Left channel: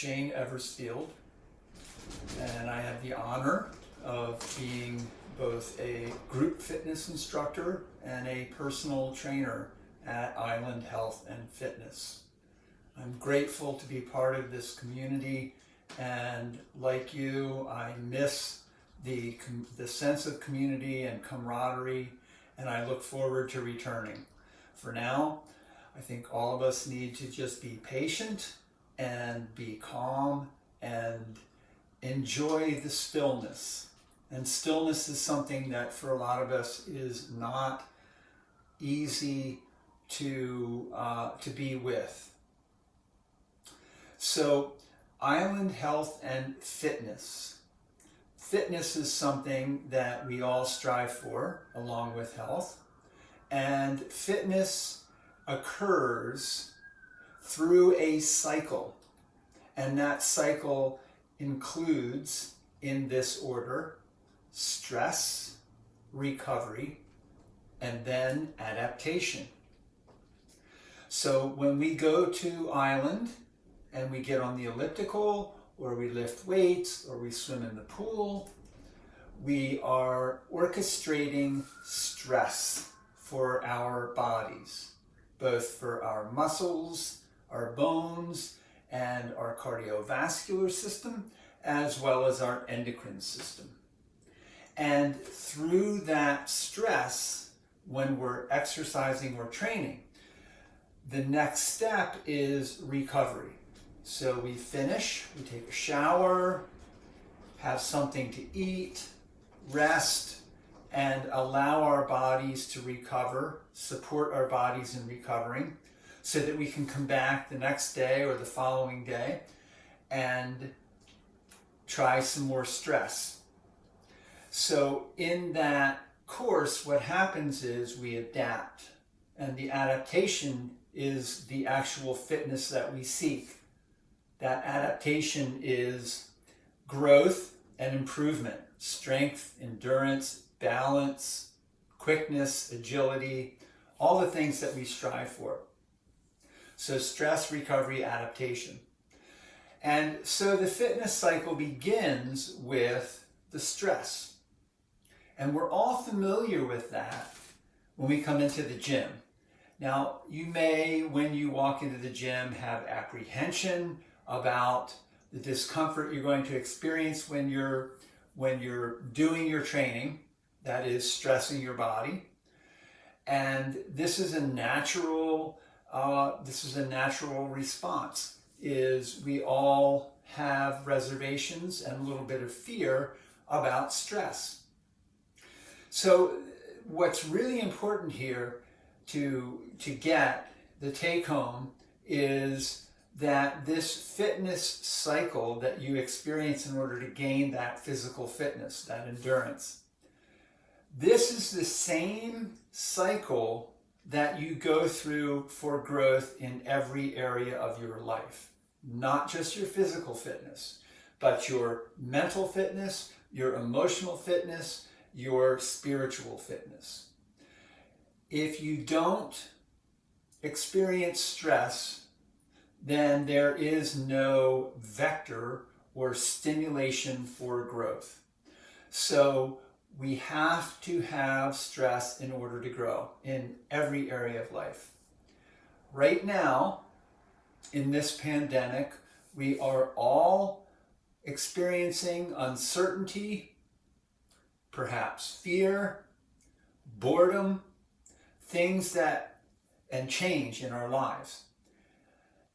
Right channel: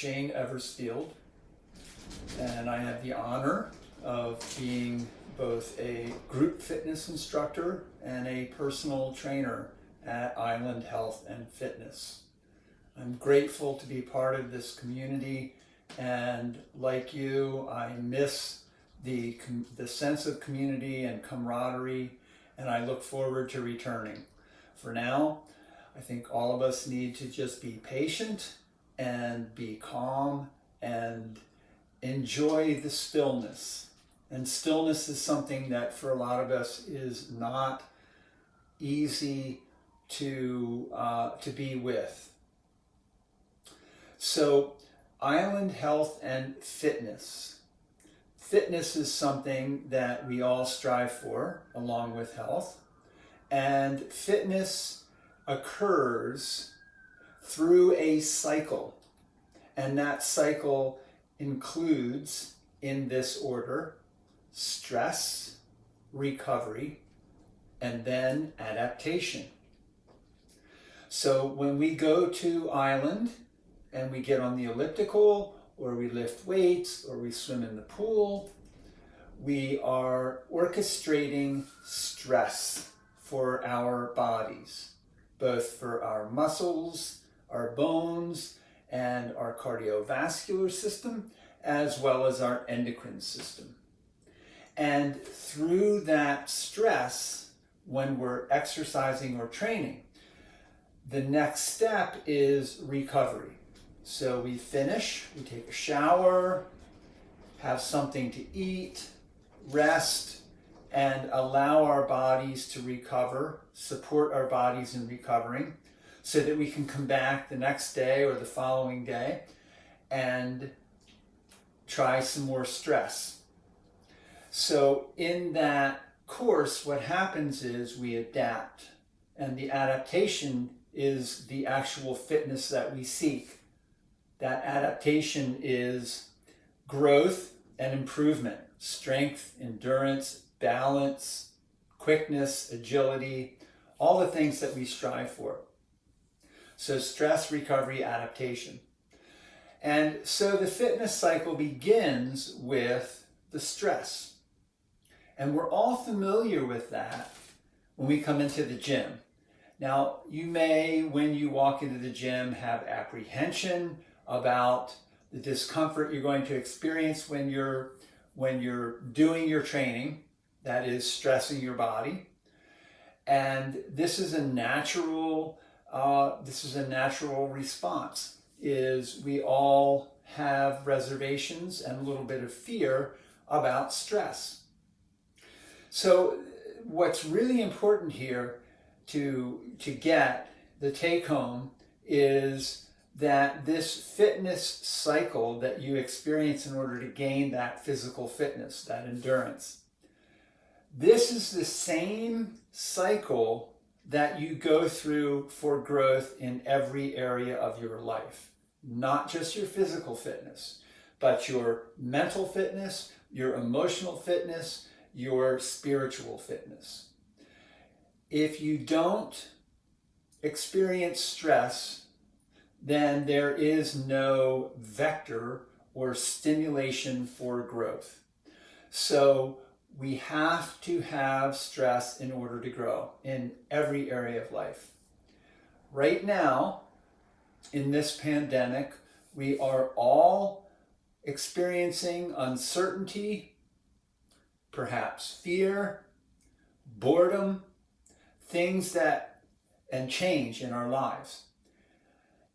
Shane Eversfield, and I have the honor of being both a group fitness instructor and a personal trainer at Island Health and Fitness. I'm grateful to be part of this community, and like you, I miss the sense of community and camaraderie, and I look forward to returning. For now, I think all of us need to just be patient and be calm and enjoy the stillness. And stillness is something that for a lot of us is not easy to be with. So, Island Health and Fitness. Fitness is something that we all strive for, along with health. And fitness occurs through a cycle. And that cycle includes, in this order, stress, recovery, and then adaptation. So when we go to Island and we get on the elliptical, or we lift weights, or we swim in the pool, we are orchestrating stress for our bodies, both for our muscles, our bones, and our cardiovascular system, as well as our endocrine system. And through that stress, when we're exercising or training, the next step is recovery. So we finish, we take a shower, have something to eat, rest, and allow our bodies to recover, support our bodies in recovering, so that we can come back the next day or the following day and try some more stress. So in that course, what happens is we adapt, and the adaptation is the actual fitness that we seek. That adaptation is growth and improvement, strength, endurance, balance, quickness, agility, all the things that we strive for. So stress, recovery, adaptation. And so the fitness cycle begins with the stress. And we're all familiar with that when we come into the gym. Now, you may, when you walk into the gym, have apprehension about the discomfort you're going to experience when you're doing your training, that is stressing your body. And this is a natural response, is we all have reservations and a little bit of fear about stress. So what's really important here to get the take home is that this fitness cycle that you experience in order to gain that physical fitness, that endurance, this is the same cycle that you go through for growth in every area of your life. Not just your physical fitness, but your mental fitness, your emotional fitness, your spiritual fitness. If you don't experience stress, then there is no vector or stimulation for growth. So we have to have stress in order to grow in every area of life. Right now, in this pandemic, we are all experiencing uncertainty, perhaps fear, boredom, things and change in our lives.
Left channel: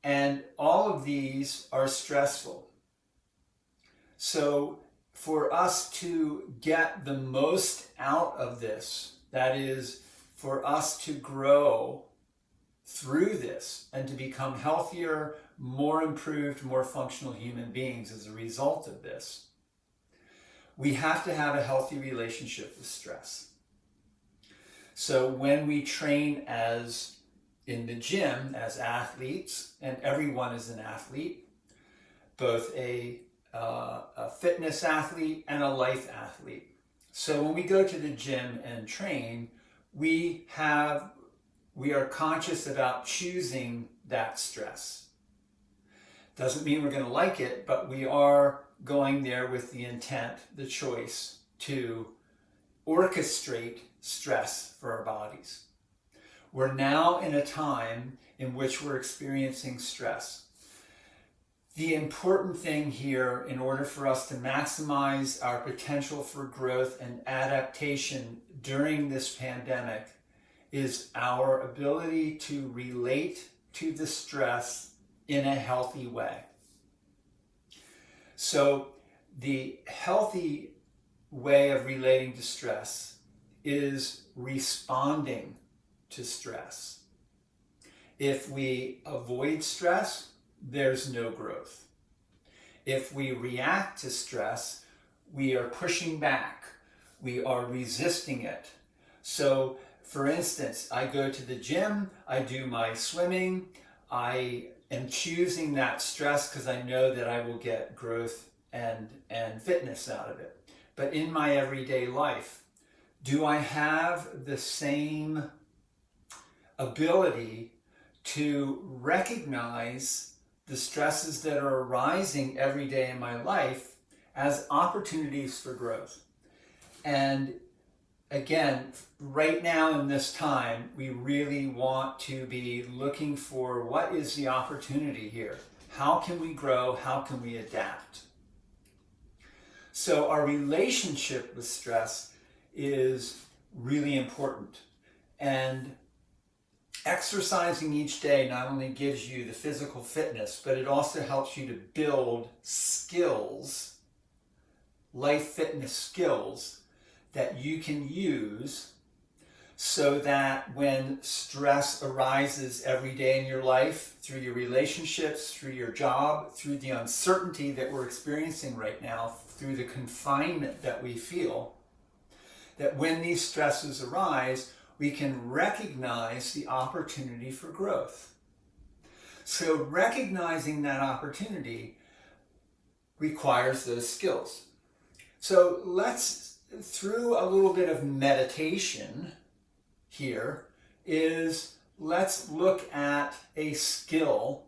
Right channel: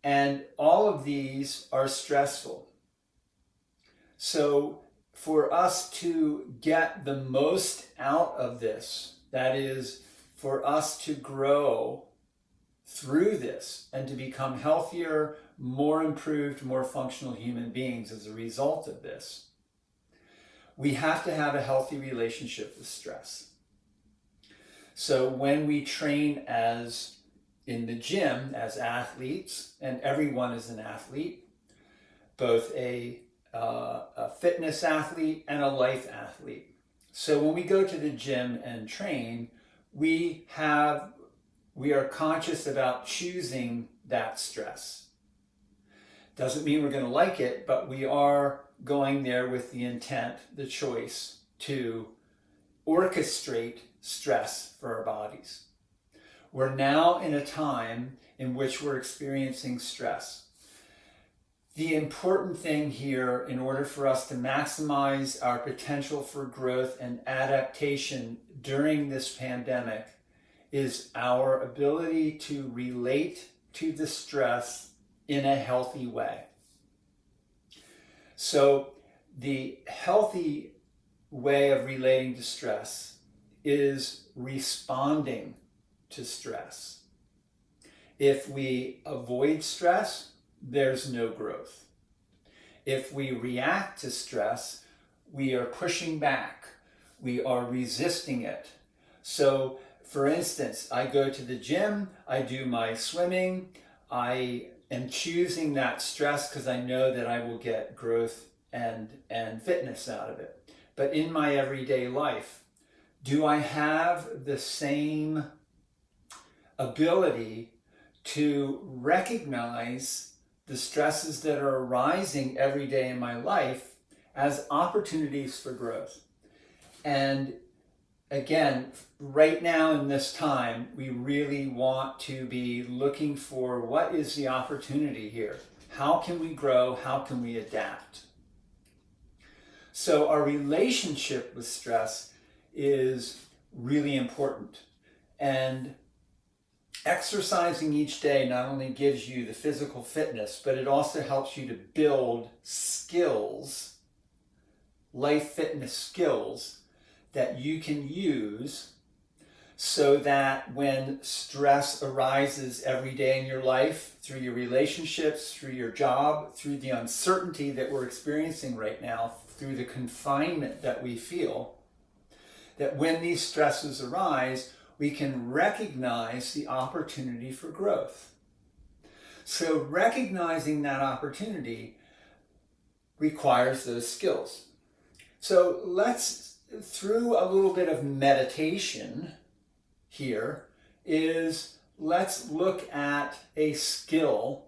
And all of these are stressful. So for us to get the most out of this, that is, for us to grow through this and to become healthier, more improved, more functional human beings as a result of this, we have to have a healthy relationship with stress. So when we train in the gym as athletes, and everyone is an athlete, both a fitness athlete and a life athlete. So when we go to the gym and train, we are conscious about choosing that stress. Doesn't mean we're going to like it, but we are going there with the intent, the choice to orchestrate stress for our bodies. We're now in a time in which we're experiencing stress. The important thing here, in order for us to maximize our potential for growth and adaptation during this pandemic, is our ability to relate to the stress in a healthy way. So the healthy way of relating to stress is responding to stress. If we avoid stress, there's no growth. If we react to stress, we are pushing back. We are resisting it. So, for instance, I go to the gym, I do my swimming, I am choosing that stress because I know that I will get growth and fitness out of it. But in my everyday life, do I have the same ability to recognize the stresses that are arising every day in my life as opportunities for growth? And again, right now in this time, we really want to be looking for what is the opportunity here? How can we grow? How can we adapt? So our relationship with stress is really important. And exercising each day not only gives you the physical fitness, but it also helps you to build skills, life fitness skills, that you can use so that when stress arises every day in your life, through your relationships, through your job, through the uncertainty that we're experiencing right now, through the confinement that we feel, that when these stresses arise, we can recognize the opportunity for growth. So recognizing that opportunity requires those skills. So through a little bit of meditation here, let's look at a skill,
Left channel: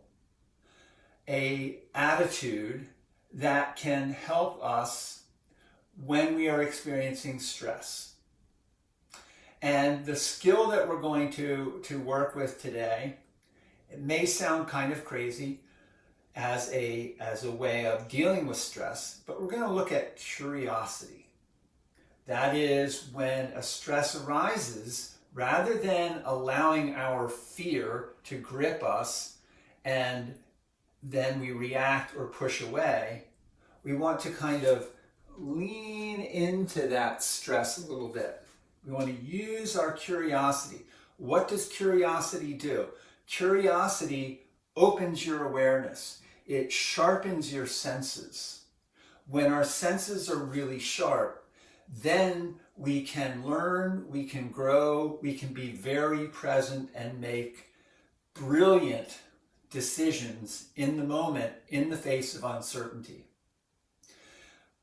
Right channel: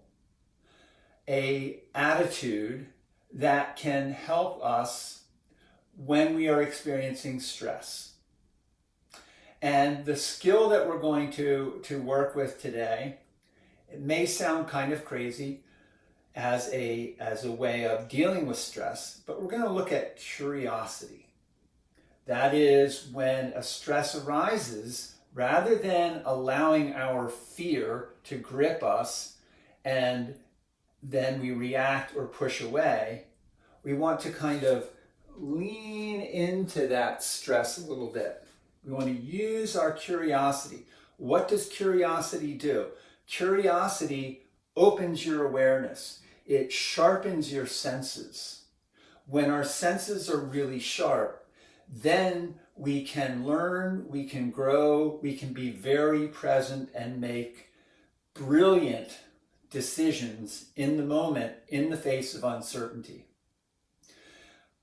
a attitude that can help us when we are experiencing stress. And the skill that we're going to work with today, it may sound kind of crazy as a way of dealing with stress, but we're going to look at curiosity. That is, when a stress arises, rather than allowing our fear to grip us and then we react or push away, we want to kind of lean into that stress a little bit. We want to use our curiosity. What does curiosity do? Curiosity opens your awareness. It sharpens your senses. When our senses are really sharp, then we can learn, we can grow, we can be very present and make brilliant decisions in the moment, in the face of uncertainty.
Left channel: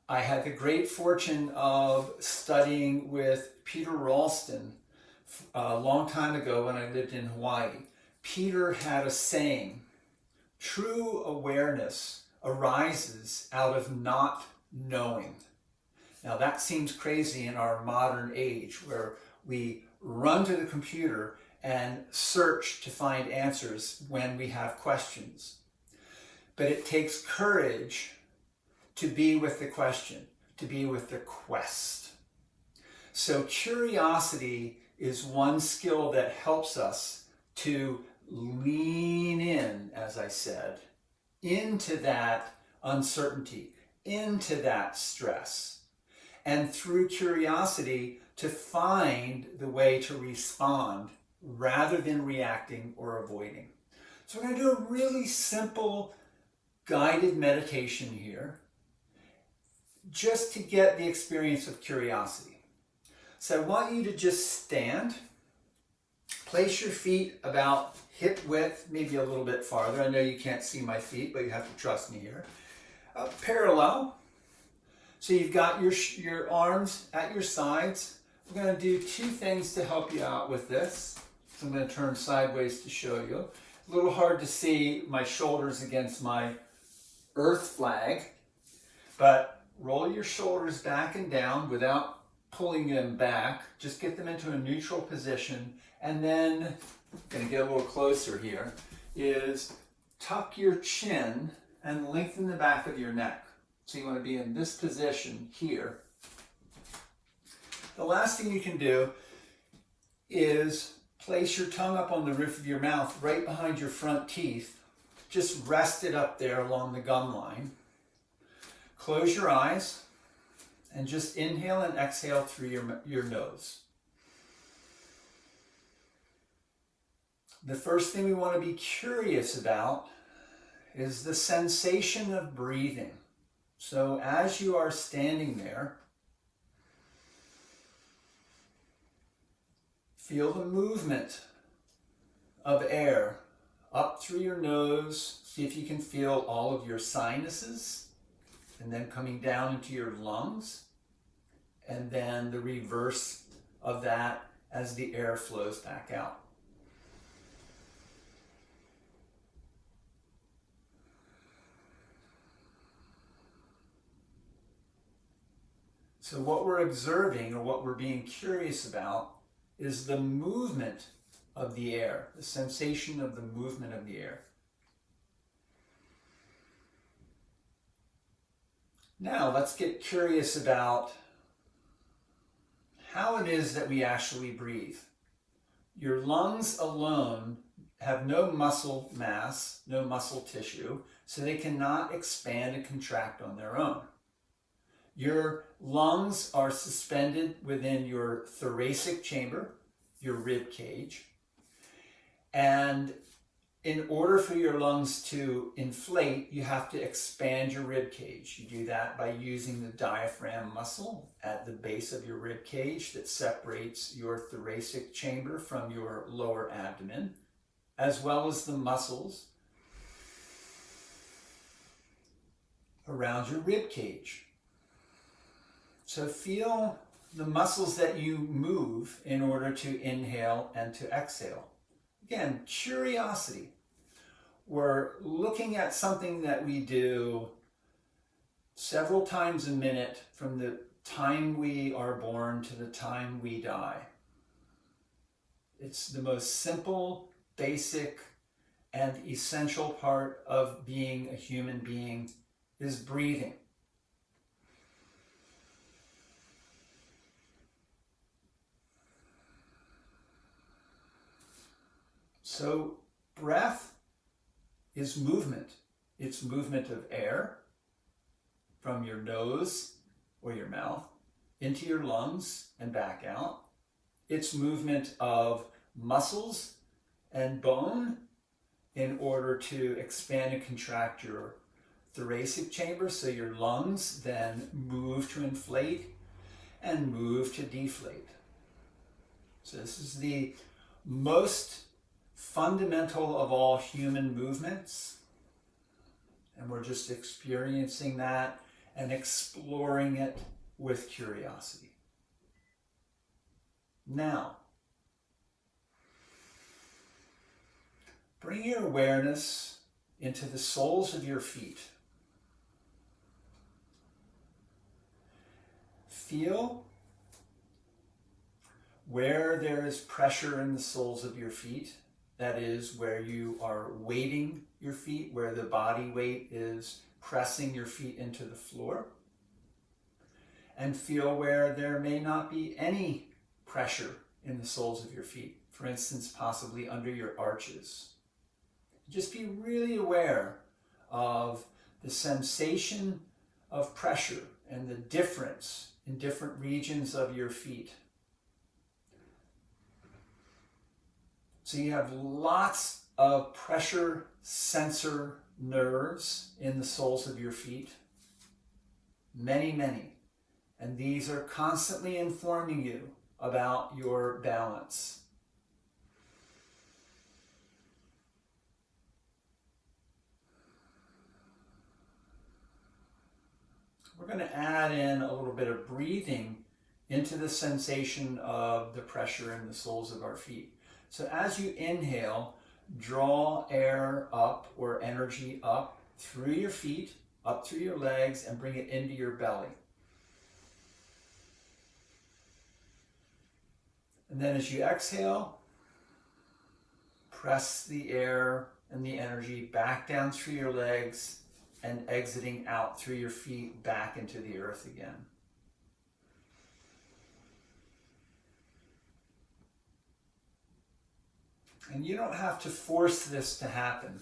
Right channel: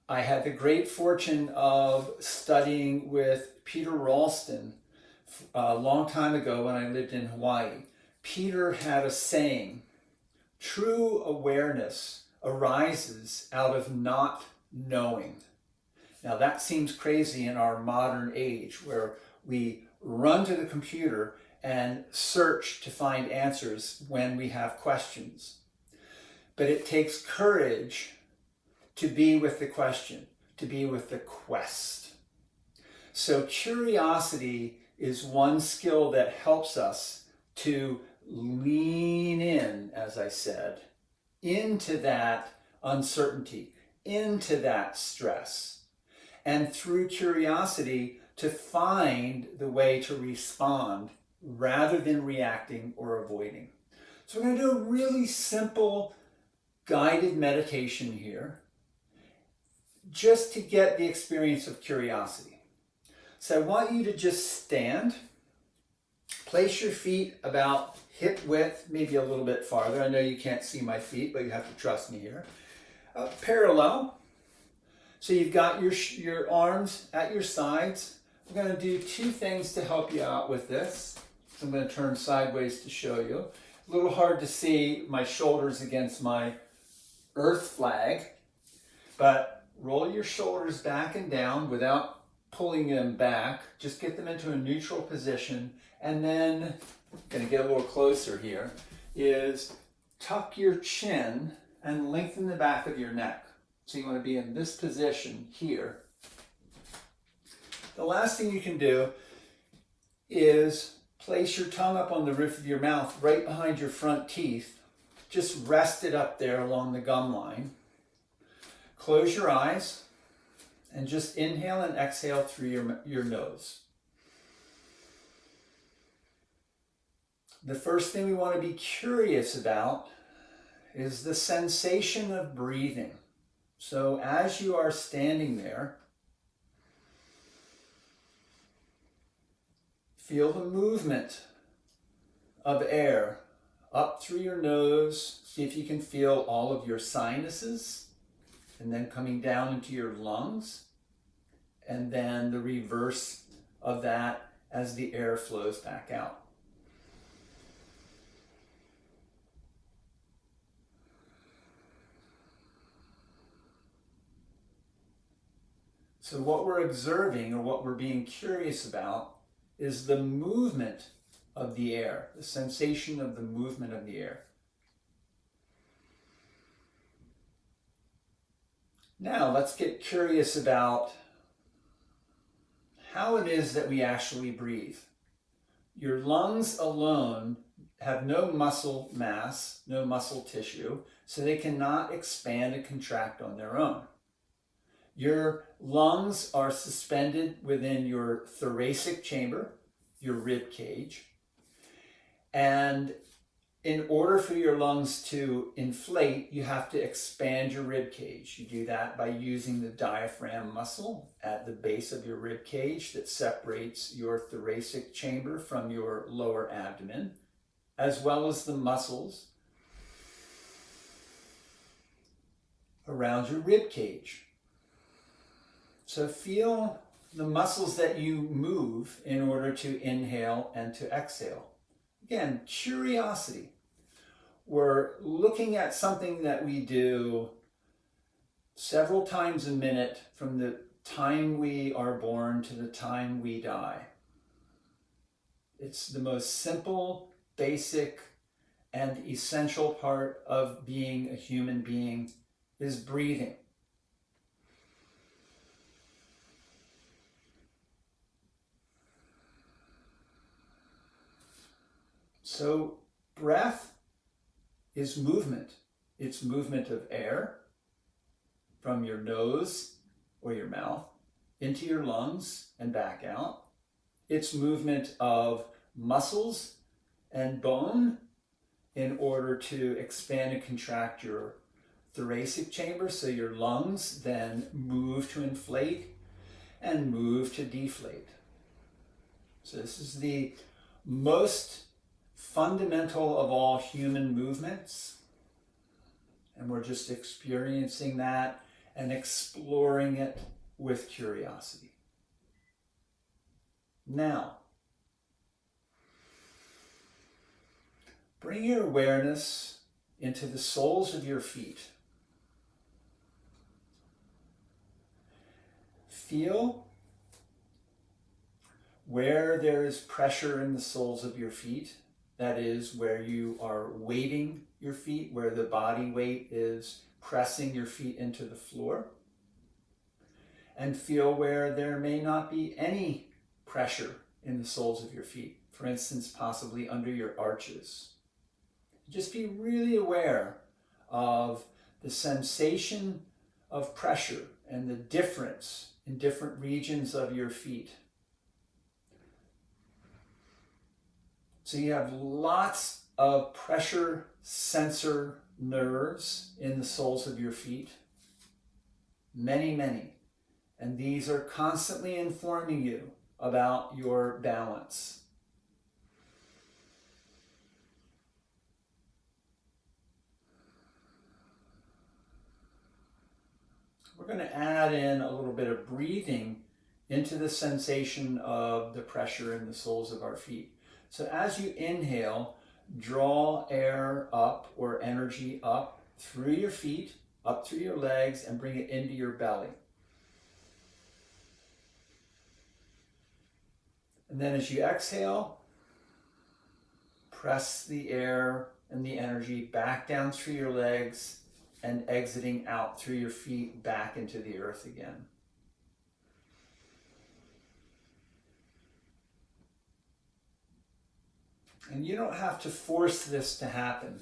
I had the great fortune of studying with Peter Ralston a long time ago when I lived in Hawaii. Peter had a saying, true awareness arises out of not knowing. Now that seems crazy in our modern age where we run to the computer and search to find answers when we have questions. But it takes courage to be with the question, to be with the quest. So curiosity is one skill that helps us to lean in, as I said, into that uncertainty, into that stress. And through curiosity, to find the way to respond rather than reacting or avoiding. So we're going to do a really simple guided meditation here, just to get the experience of curiosity. So I want you to just stand, place your feet about hip width, maybe a little bit farther. I know you can't see my feet, but you have to trust me here. Parallel. So you've got your arms at your sides. We're going to do two things to help you out with this. So I'm going to turn sideways to show you. A little hard to see my shoulders against my earth flag, but roll your shoulders back and down without pulling them back. Just get them into a neutral position, and then, I'm going to get a little closer here, is tuck your chin and lengthen the back of your neck. So you want to be in this position here. The last thing you can do is place your tongue up on the roof of your mouth right behind your front teeth. Just rest it up there along the gum line. Close your eyes and just inhale and exhale through your nose. The first thing we want to be curious about is the sensation of breathing. So as you are standing there, feel the movement of air up through your nose. See if you can feel all of your sinuses, and then coming down into your lungs, and then the reverse of that as the air flows back out. So what we're observing, or what we're being curious about, is the movement of the air, the sensation of the movement of the air. Now let's get curious about how it is that we actually breathe. Your lungs alone have no muscle mass, no muscle tissue, so they cannot expand and contract on their own. Your lungs are suspended within your thoracic chamber, your rib cage. And in order for your lungs to inflate, you have to expand your rib cage. You do that by using the diaphragm muscle at the base of your rib cage that separates your thoracic chamber from your lower abdomen, as well as the muscles around your rib cage. So feel the muscles that you move in order to inhale and to exhale. Again, curiosity. We're looking at something that we do several times a minute from the time we are born to the time we die. It's the most simple, basic, and essential part of being a human being is breathing. So breath is movement. It's movement of air from your nose or your mouth into your lungs and back out. It's movement of muscles and bone in order to expand and contract your thoracic chamber, so your lungs then move to inflate and move to deflate. So this is the most fundamental of all human movements, and we're just experiencing that and exploring it with curiosity. Now, bring your awareness into the soles of your feet. Feel where there is pressure in the soles of your feet. That is where you are weighting your feet, where the body weight is pressing your feet into the floor. And feel where there may not be any pressure in the soles of your feet. For instance, possibly under your arches. Just be really aware of the sensation of pressure and the difference in different regions of your feet. So you have lots of pressure sensor nerves in the soles of your feet. Many, many. And these are constantly informing you about your balance. We're going to add in a little bit of breathing into the sensation of the pressure in the soles of our feet. So as you inhale, draw air up or energy up through your feet up through your legs and bring it into your belly. And then as you exhale, press the air and the energy back down through your legs and exiting out through your feet back into the earth again. And you don't have to force this to happen.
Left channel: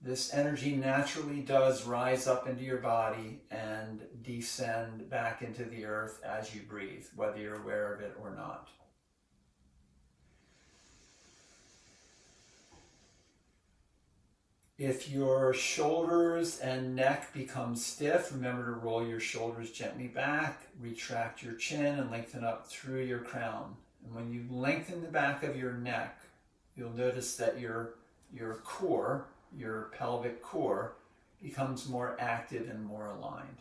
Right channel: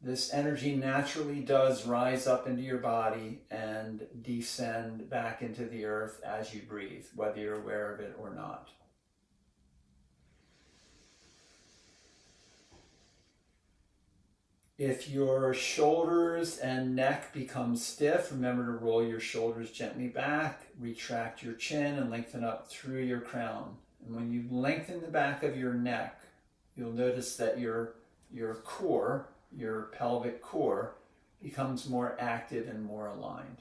This energy naturally does rise up into your body and descend back into the earth as you breathe, whether you're aware of it or not. If your shoulders and neck become stiff, remember to roll your shoulders gently back, retract your chin, and lengthen up through your crown. And when you lengthen the back of your neck, you'll notice that your core, your pelvic core, becomes more active and more aligned.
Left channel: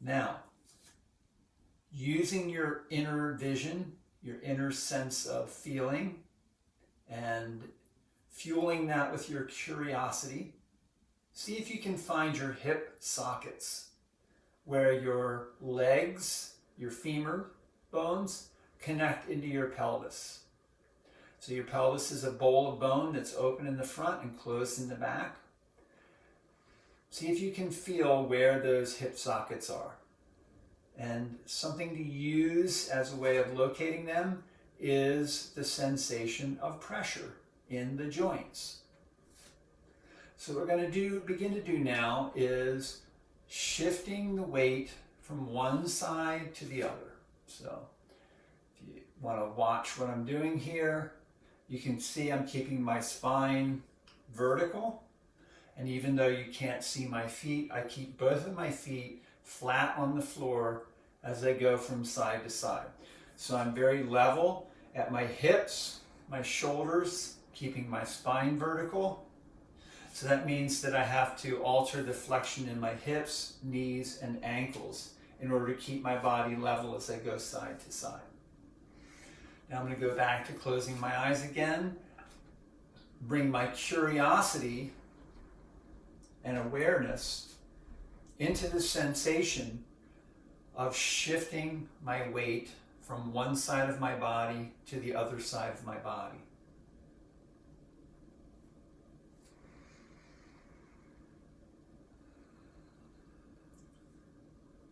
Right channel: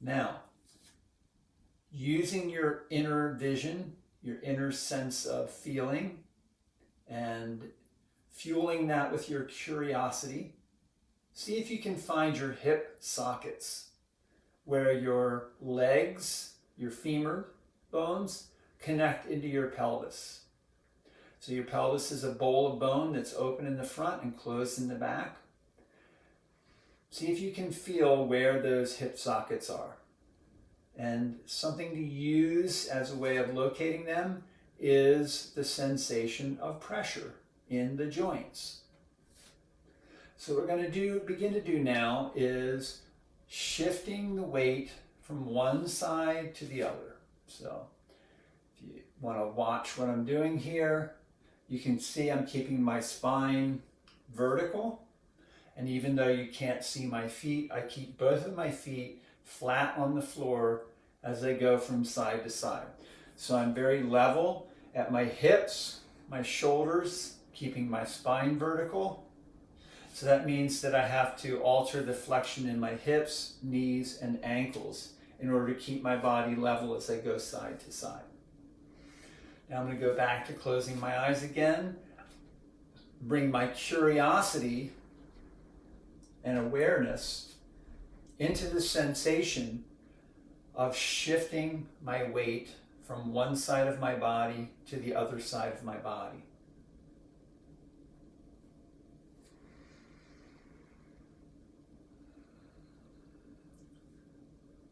Now, using your inner vision, your inner sense of feeling, and fueling that with your curiosity, see if you can find your hip sockets, where your legs, your femur bones, connect into your pelvis. So your pelvis is a bowl of bone that's open in the front and closed in the back. See if you can feel where those hip sockets are. And something to use as a way of locating them is the sensation of pressure in the joints. So what we're going to begin to do now is shifting the weight from one side to the other. So if you want to watch what I'm doing here, you can see I'm keeping my spine vertical. And even though you can't see my feet, I keep both of my feet flat on the floor as I go from side to side. So I'm very level at my hips, my shoulders, keeping my spine vertical. So that means that I have to alter the flexion in my hips, knees, and ankles in order to keep my body level as I go side to side. Now I'm going to go back to closing my eyes again, bring my curiosity and awareness into the sensation of shifting my weight from one side of my body to the other side of my body.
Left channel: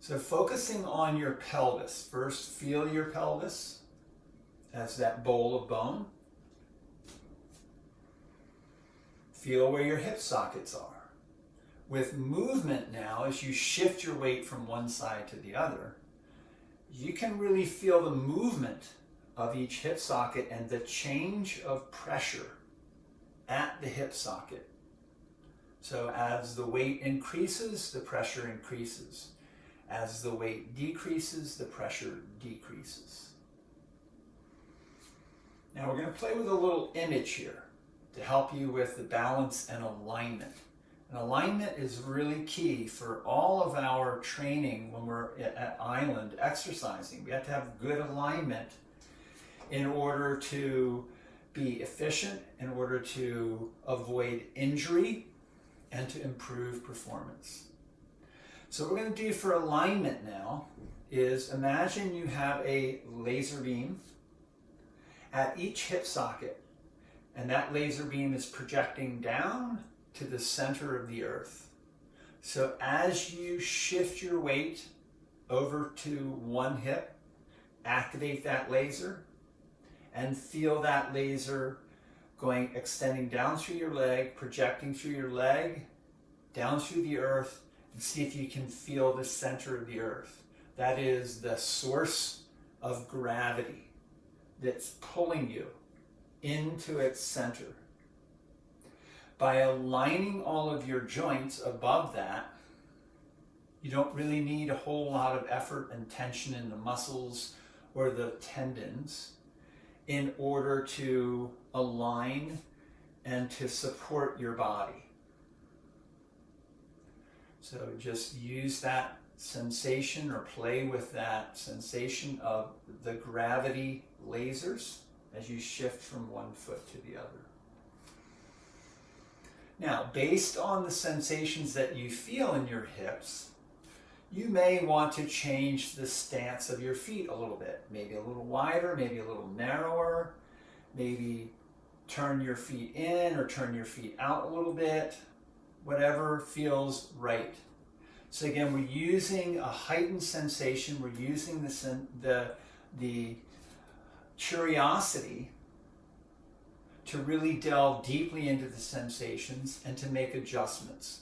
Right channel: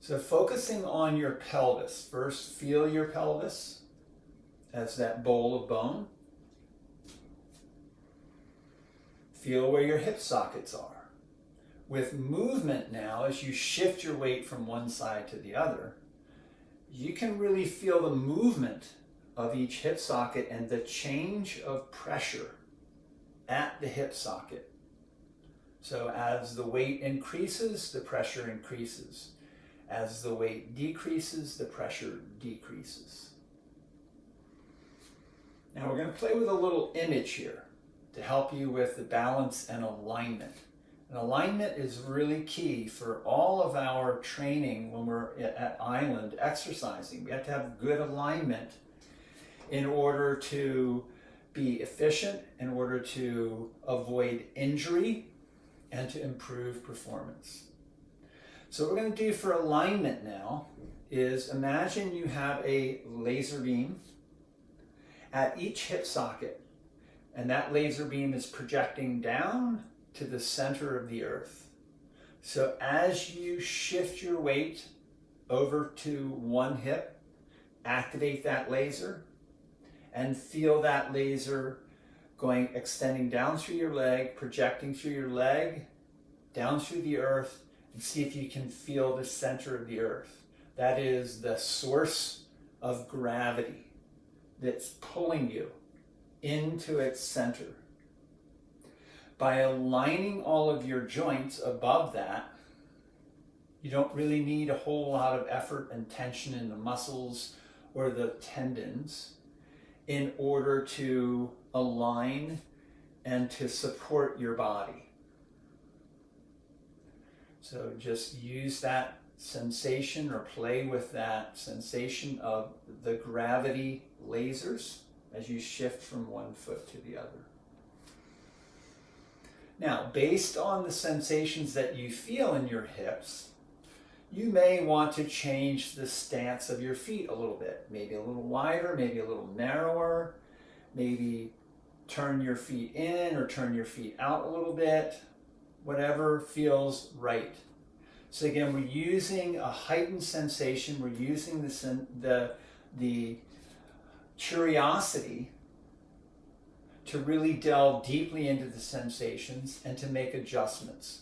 So focusing on your pelvis. First, feel your pelvis as that bowl of bone. Feel where your hip sockets are. With movement now, as you shift your weight from one side to the other, you can really feel the movement of each hip socket and the change of pressure at the hip socket. So as the weight increases, the pressure increases. As the weight decreases, the pressure decreases. Now we're going to play with a little image here to help you with the balance and alignment. And alignment is really key for all of our training when we're at island exercising. We have to have good alignment in order to be efficient, in order to avoid injury, and to improve performance. So what we're going to do for alignment now is imagine you have a laser beam at each hip socket, and that laser beam is projecting down to the center of the earth. So as you shift your weight over to one hip, activate that laser and feel that laser extending down through your leg, projecting through your leg, down through the earth, and see if you can feel the center of the earth. That is the source of gravity that's pulling you into its center. By aligning all of your joints above that, you don't really need a whole lot of effort and tension in the muscles or the tendons in order to align and to support your body. So just use that sensation or play with that sensation of the gravity lasers as you shift from one foot to the other. Now, based on the sensations that you feel in your hips, you may want to change the stance of your feet a little bit. Maybe a little wider, maybe a little narrower, maybe turn your feet in or turn your feet out a little bit, whatever feels right. So again, we're using a heightened sensation, we're using the curiosity to really delve deeply into the sensations and to make adjustments.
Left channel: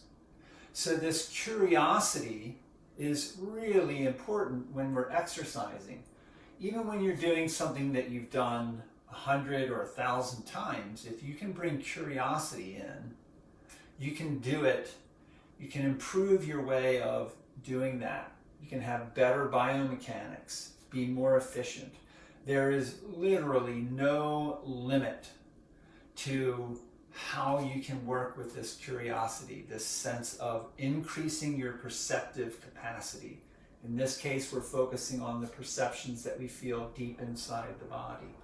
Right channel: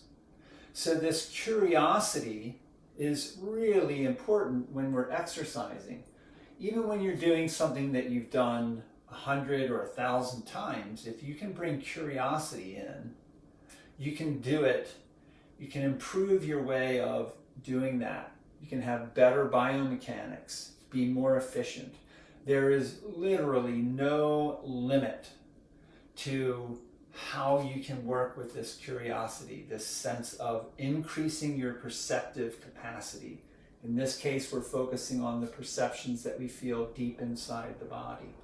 So this curiosity is really important when we're exercising. Even when you're doing something that you've done 100 or 1,000 times, if you can bring curiosity in, you can do it. You can improve your way of doing that. You can have better biomechanics, be more efficient. There is literally no limit to how you can work with this curiosity, this sense of increasing your perceptive capacity. In this case, we're focusing on the perceptions that we feel deep inside the body.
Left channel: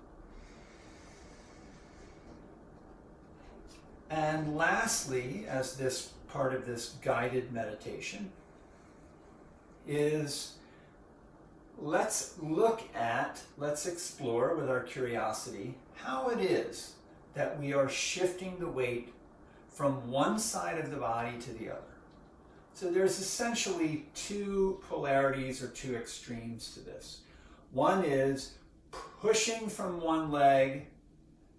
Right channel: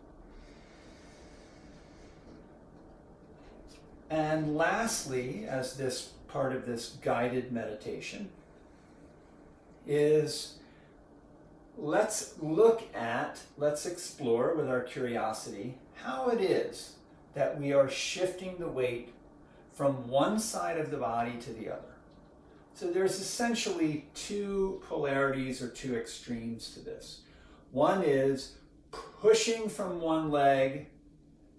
And lastly, as this part of this guided meditation, is let's explore with our curiosity how it is that we are shifting the weight from one side of the body to the other. So there's essentially two polarities or two extremes to this. One is pushing from one leg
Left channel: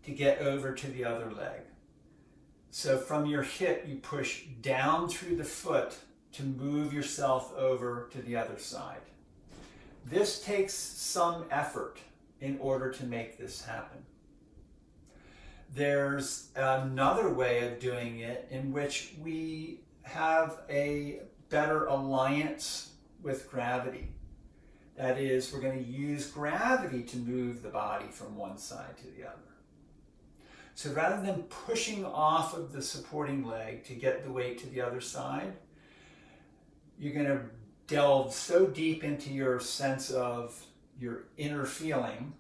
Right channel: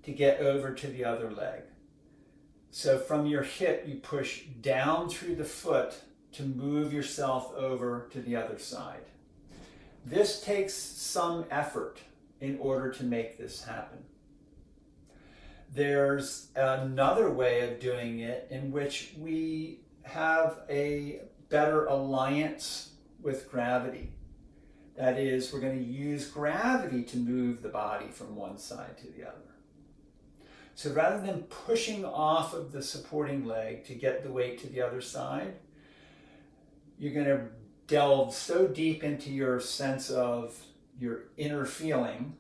to get over to the other leg. So from your hip, you push down through the foot to move yourself over to the other side. This takes some effort in order to make this happen. There's another way of doing it in which we have a better alliance with gravity. That is, we're going to use gravity to move the body from one side to the other. So rather than pushing off of the supporting leg to get the weight to the other side, you're going to delve so deep into your sense of your inner feeling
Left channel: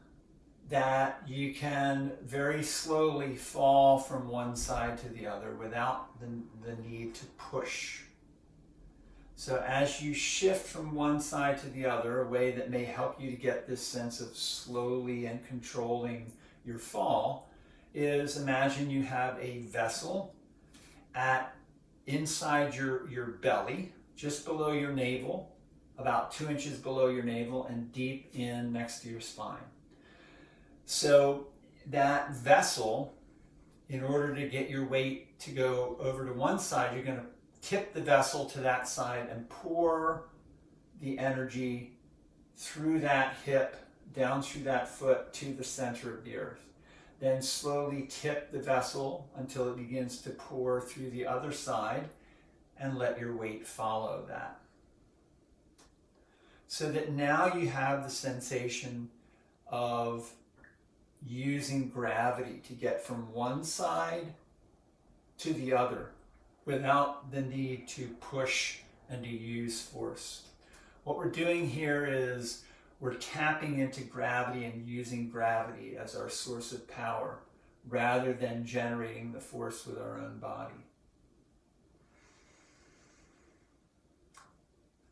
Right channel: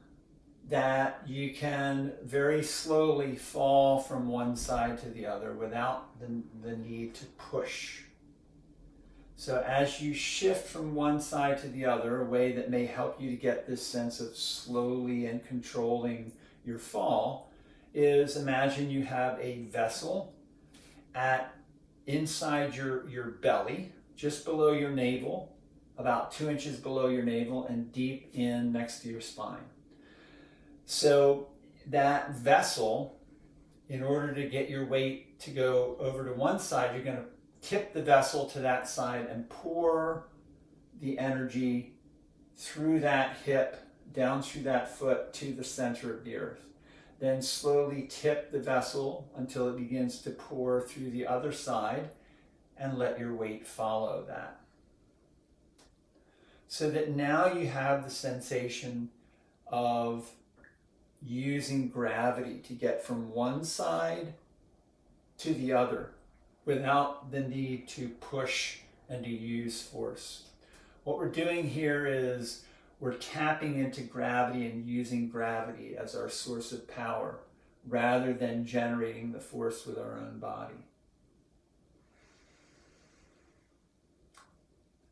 that you can very slowly fall from one side to the other without the need to push. So as you shift from one side to the other, a way that may help you to get this sense of slowly and controlling your fall is imagine you have a vessel inside your belly, just below your navel, about 2 inches below your navel and deep in next to your spine. So that vessel, in order to get your weight to go over to one side, you're going to tip the vessel to that side and pour the energy through that hip, down through that foot to the center of the earth. Then slowly tip the vessel until it begins to pour through the other side and let your weight follow that. So that now you have the sensation of using gravity to get from one side to the other without the need to push and to use force. What we're doing here is we're tapping into gravity and using gravity as our source of power rather than generating the force with our own body.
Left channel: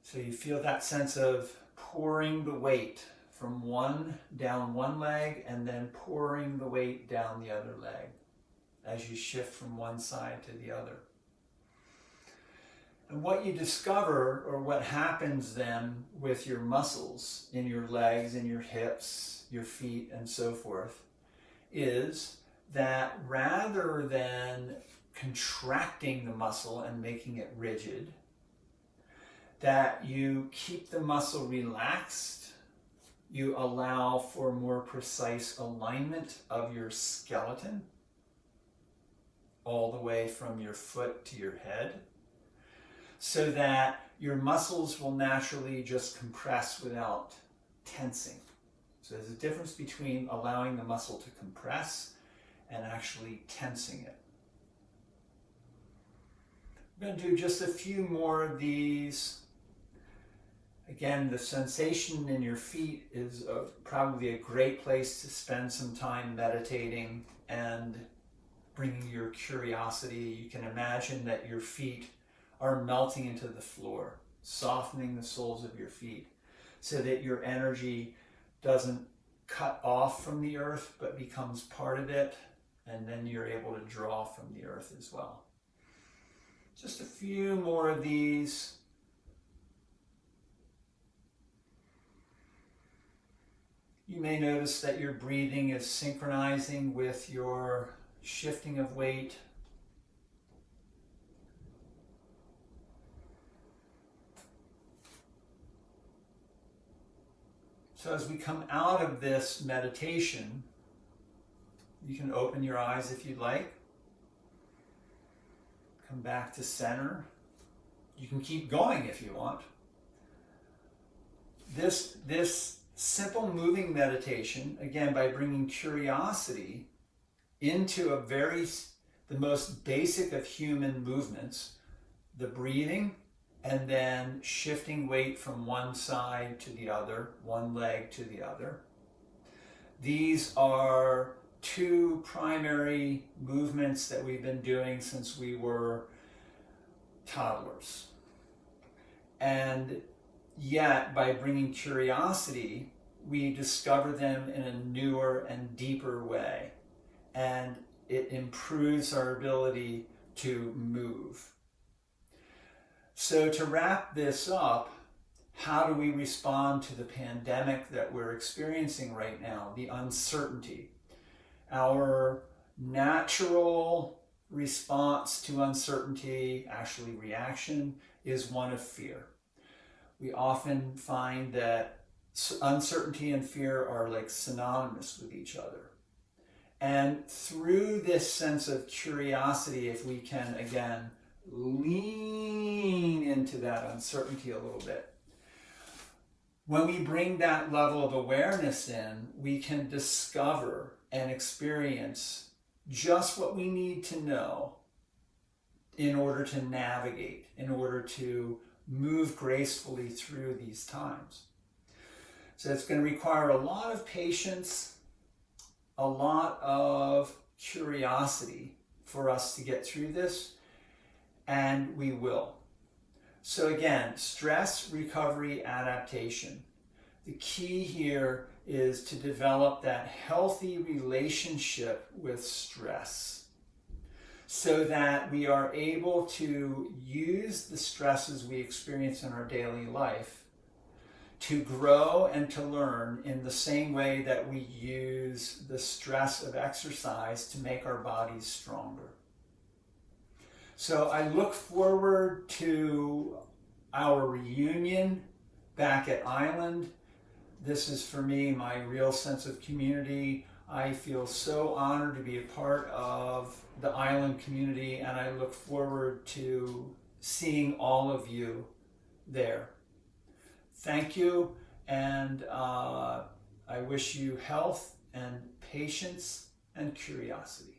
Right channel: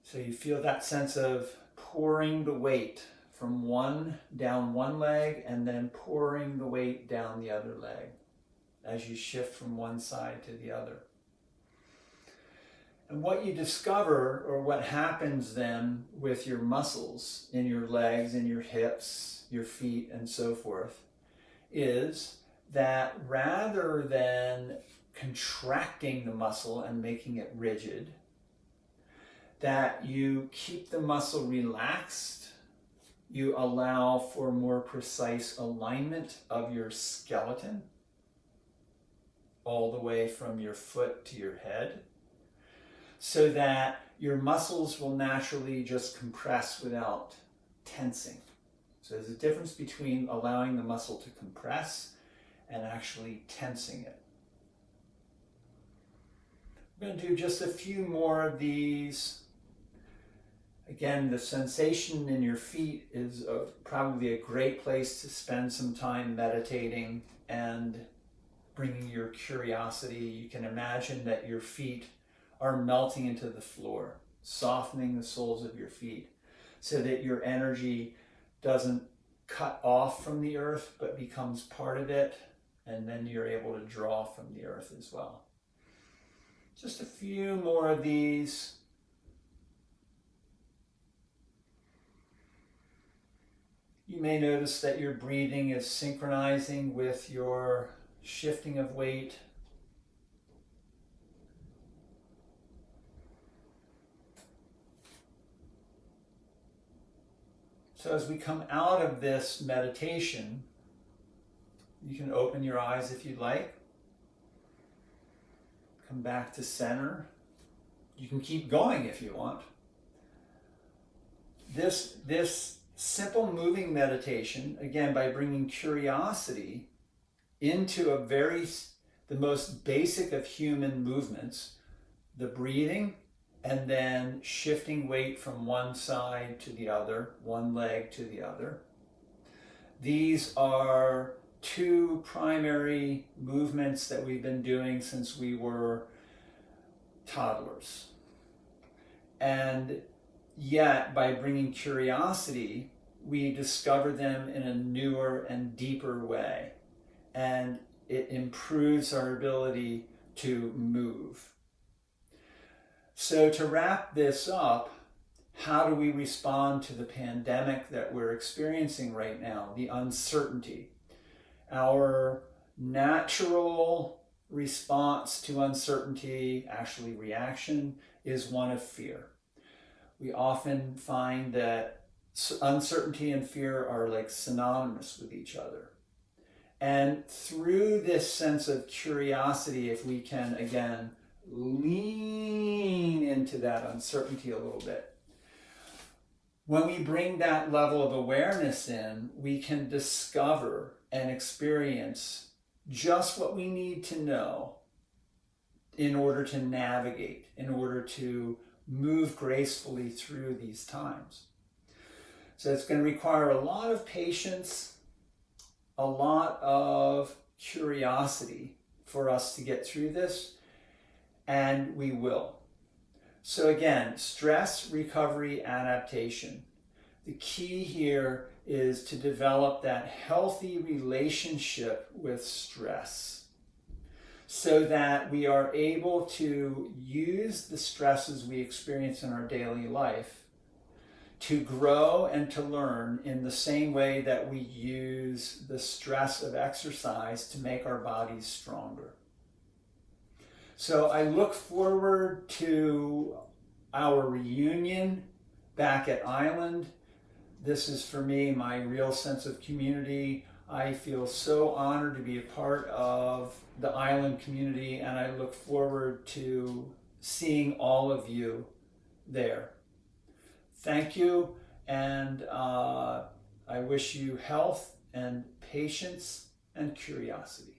So you feel that sense of pouring the weight from down one leg and then pouring the weight down the other leg as you shift from one side to the other. And what you discover, or what happens then with your muscles in your legs, in your hips, your feet, and so forth, is that rather than contracting the muscle and making it rigid, that you keep the muscle relaxed, you allow for more precise alignment of your skeleton, all the way from your foot to your head, so that your muscles will naturally just compress without tensing. So there's a difference between allowing the muscle to compress and actually tensing it. I'm going to do just a few more of these Again, the sensation in your feet is probably a great place to spend some time meditating and bringing your curiosity. You can imagine that your feet are melting into the floor, softening the soles of your feet so that your energy doesn't cut off from the earth but becomes part of it, and then you're able to draw from the earth as well. Just a few more of these. You may notice that your breathing is synchronizing with your shifting of weight. So as we come out of this meditation, you can open your eyes if you'd like. Come back to center. You can keep going if you want. This simple moving meditation, again, by bringing curiosity into the most basic of human movements, the breathing, and then shifting weight from one side to the other, one leg to the other. These are two primary movements that we've been doing since we were toddlers. And yet, by bringing curiosity, we discover them in a newer and deeper way. And it improves our ability to move. So to wrap this up, how do we respond to the pandemic that we're experiencing right now, the uncertainty? Our natural response to uncertainty, actually reaction, is one of fear. We often find that uncertainty and fear are like synonymous with each other. And through this sense of curiosity, if we can, again, lean into that uncertainty a little bit, when we bring that level of awareness in, we can discover and experience just what we need to know in order to navigate, in order to move gracefully through these times. So it's going to require a lot of patience, a lot of curiosity for us to get through this, and we will. So again, stress, recovery, adaptation. The key here is to develop that healthy relationship with stress so that we are able to use the stresses we experience in our daily life to grow and to learn in the same way that we use the stress of exercise to make our bodies stronger. So I look forward to our reunion back at Island. This is for me my real sense of community. I feel so honored to be a part of the Island community, and I look forward to seeing all of you there. Thank you, and I wish you health and patience and curiosity.